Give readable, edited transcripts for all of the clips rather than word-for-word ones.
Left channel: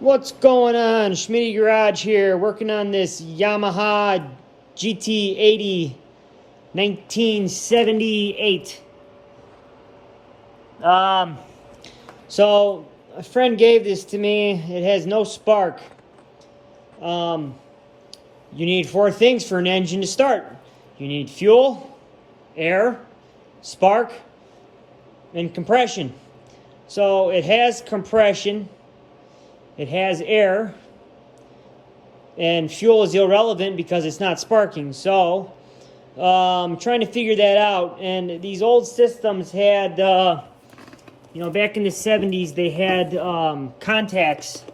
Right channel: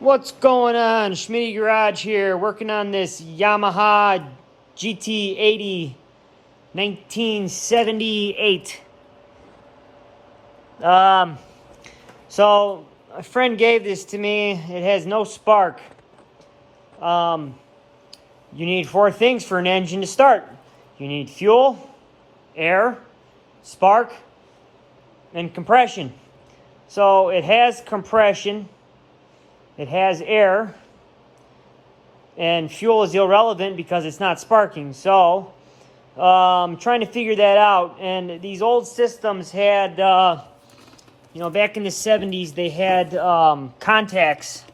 What's going on? Schmitty Garage here, working on this Yamaha GT80 1978. So a friend gave this to me. It has no spark. You need four things for an engine to start. You need fuel, air, spark, and compression. So it has compression. It has air, and fuel is irrelevant because it's not sparking. So I'm trying to figure that out. And these old systems had, back in the 70s, they had contacts.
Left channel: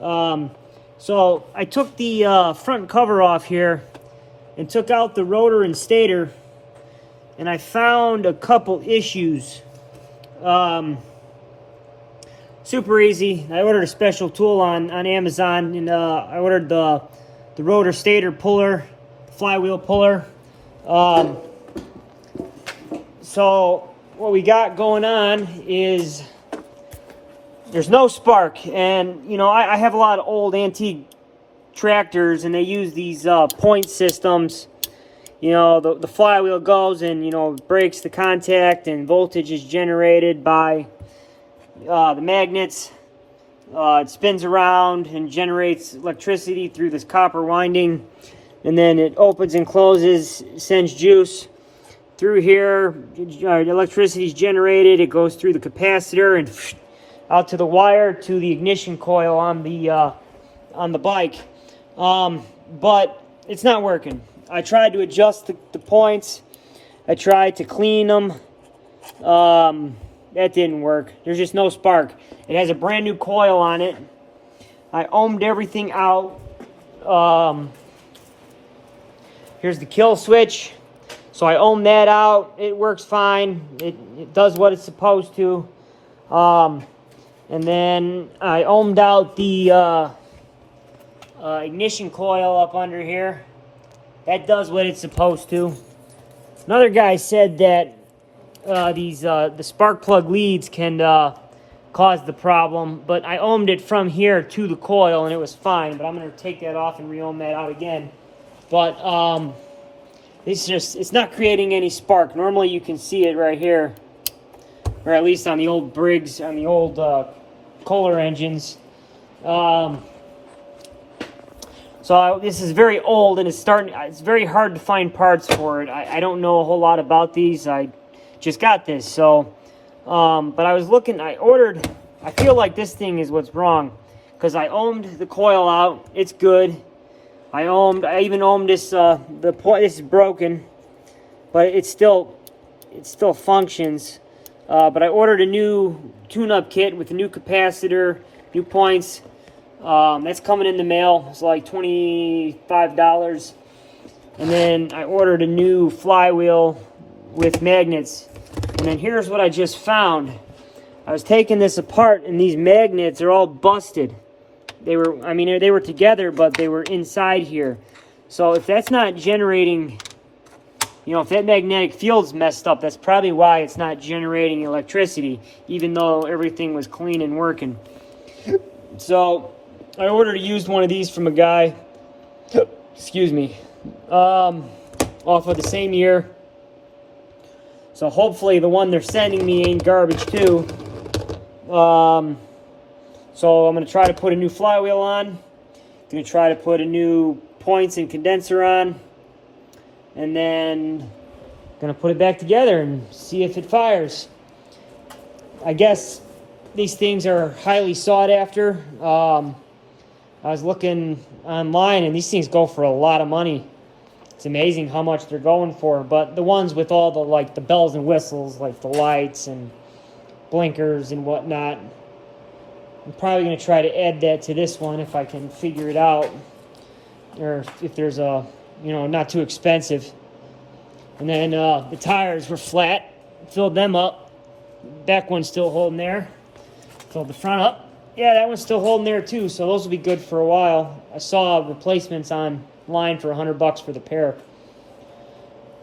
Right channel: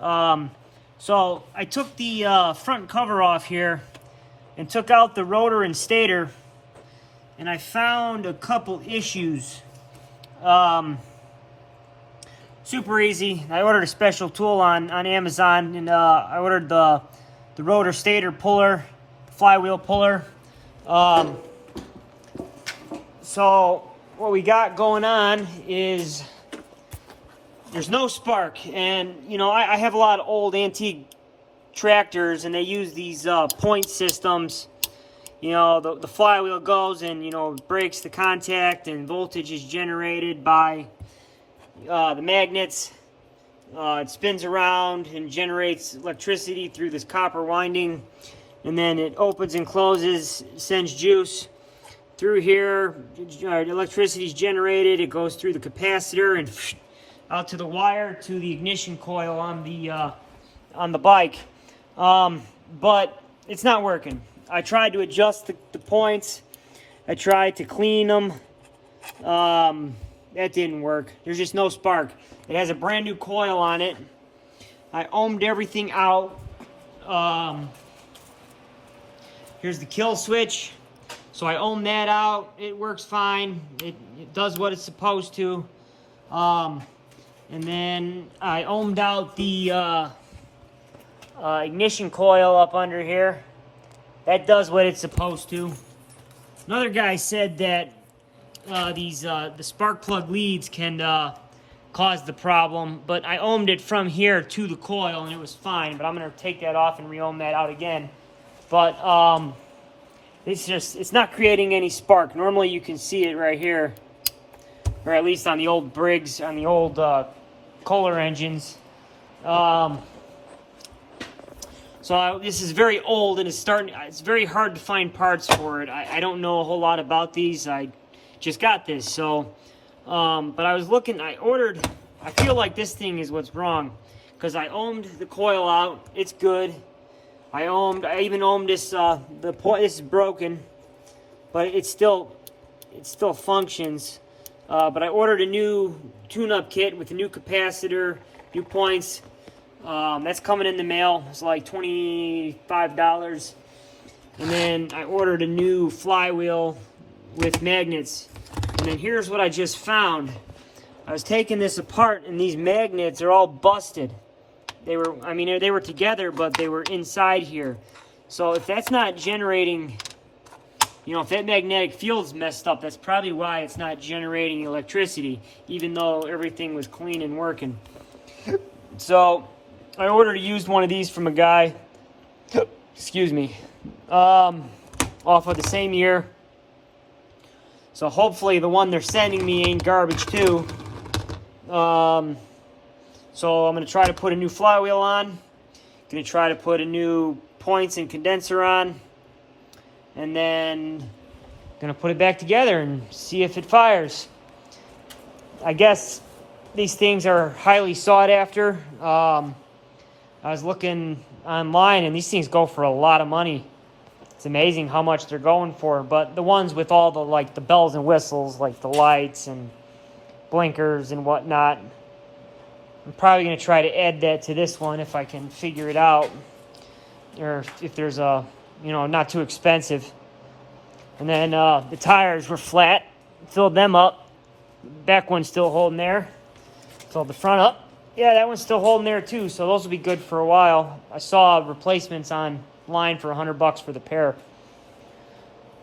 So I took the front cover off here and took out the rotor and stator, and I found a couple issues. Super easy. I ordered a special tool on Amazon, and I ordered the rotor stator puller, flywheel puller. So what we got going on is there's no spark, and I have a lot of old antique tractors, and they use these point systems. The flywheel goes and breaks the contact, and voltage is generated by the magnets. It spins around and generates electricity through this copper winding, and then it opens and closes, sends juice through here. Electricity is generated. It goes through the capacitor and out to the wire to the ignition coil on the bike. But it's not working. I tried to adjust the points. I tried to clean them. That didn't work. There's just no spark. It has a brand new coil on it. I ohmed everything out. Here's the kill switch. So I ohmed that out. It works fine. It does what it's supposed to. And then I ohmed out the ignition coil up under here. That does what it's supposed to. Another guy said that the spark plug leads can cause the problem, but I ohmed it from here to the coil and it was fine. But I'm going to take that off and re-ohm that out again. But it's not creating any spark. Normally you can see it right here, or at least on the old Briggs, on the old Kohler engines. So this is very old, and it's very hard to find parts for it. I don't know a whole lot about these. I just got this, so but I was looking. I feel like this thing is what's wrong, because I ohmed the coil out. It's good. I even ohmed this. This is broken, but it still functions. But I ordered a new tune-up kit with a new capacitor, new points. That's coming in the mail. It's like $25. And then I ordered a new flywheel with magnets. And then here's what I just found. I was taking this apart, and these magnets are all busted. They were together, but they were inside here. So if that's not generating, if that magnetic field's messed up, that's probably why it's not generating electricity, even though everything was clean and working. So I ordered a used one of these from a guy, excuse me, off of the same year. So hopefully the one they're sending me ain't garbage too. So I'm going to try to put a new flywheel on. Going to try to put a new points and condenser on. And then going to put it back together and see if it fires. I guess these things are highly sought after. I was looking online, and these things go for a lot of money. It's amazing how much they're going for. But the ones with all the bells and whistles, like the lights and blinkers and whatnot, I'm probably going to try to add that to this one if I can figure it out, or if there's a, not too expensive. And then the tires were flat, filled them up. Back one's still holding there. Filled the front up. Yeah, that one's still holding there too, so those will be good for a while. I saw replacements online for $100 for the pair.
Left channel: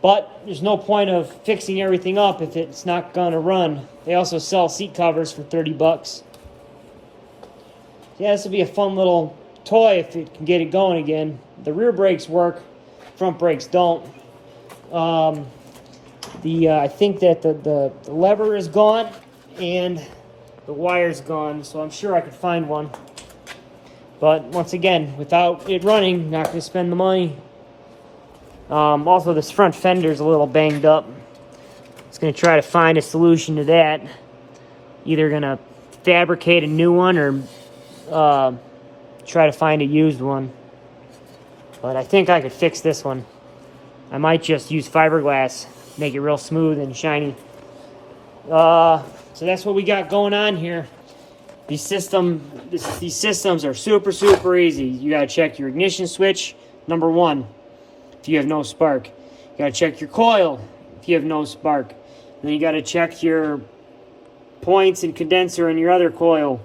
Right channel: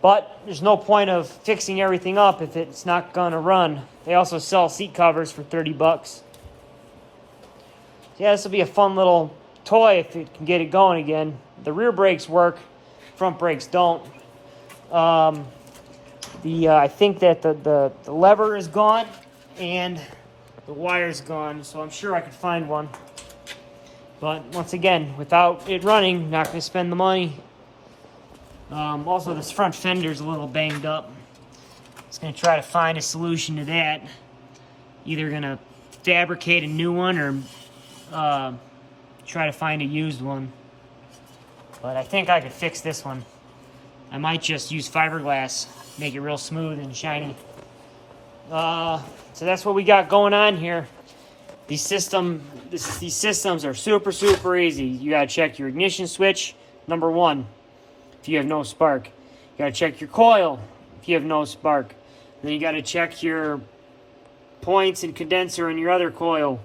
But there's no point of fixing everything up if it's not going to run. They also sell seat covers for $30. yeah, this will be a fun little toy if it can get it going again. The rear brakes work, front brakes don't. I think that the lever is gone and the wire's gone, so I'm sure I could find one. But once again, without it running, not going to spend the money. Also, this front fender's a little banged up. Just going to try to find a solution to that. Either going to fabricate a new one or try to find a used one. But I think I could fix this one. I might just use fiberglass, make it real smooth and shiny. So that's what we got going on here. These systems are super, super easy. You gotta check your ignition switch, number one, if you have no spark. You gotta check your coil if you have no spark. Then you gotta check your points and condenser in your other coil.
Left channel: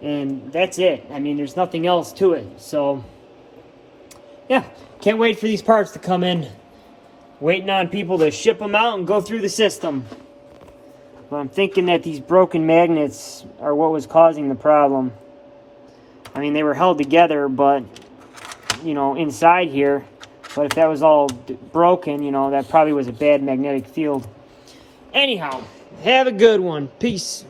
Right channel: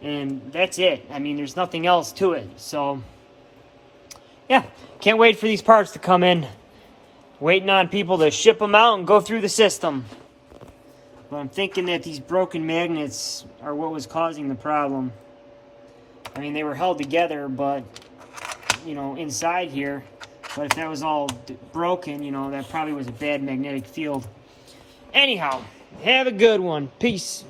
And that's it. I mean, there's nothing else to it. So, yeah, can't wait for these parts to come in. Waiting on people to ship them out and go through the system. But I'm thinking that these broken magnets are what was causing the problem. I mean, they were held together, but, you know, inside here. But if that was all broken, you know, that probably was a bad magnetic field. Anyhow, have a good one. Peace.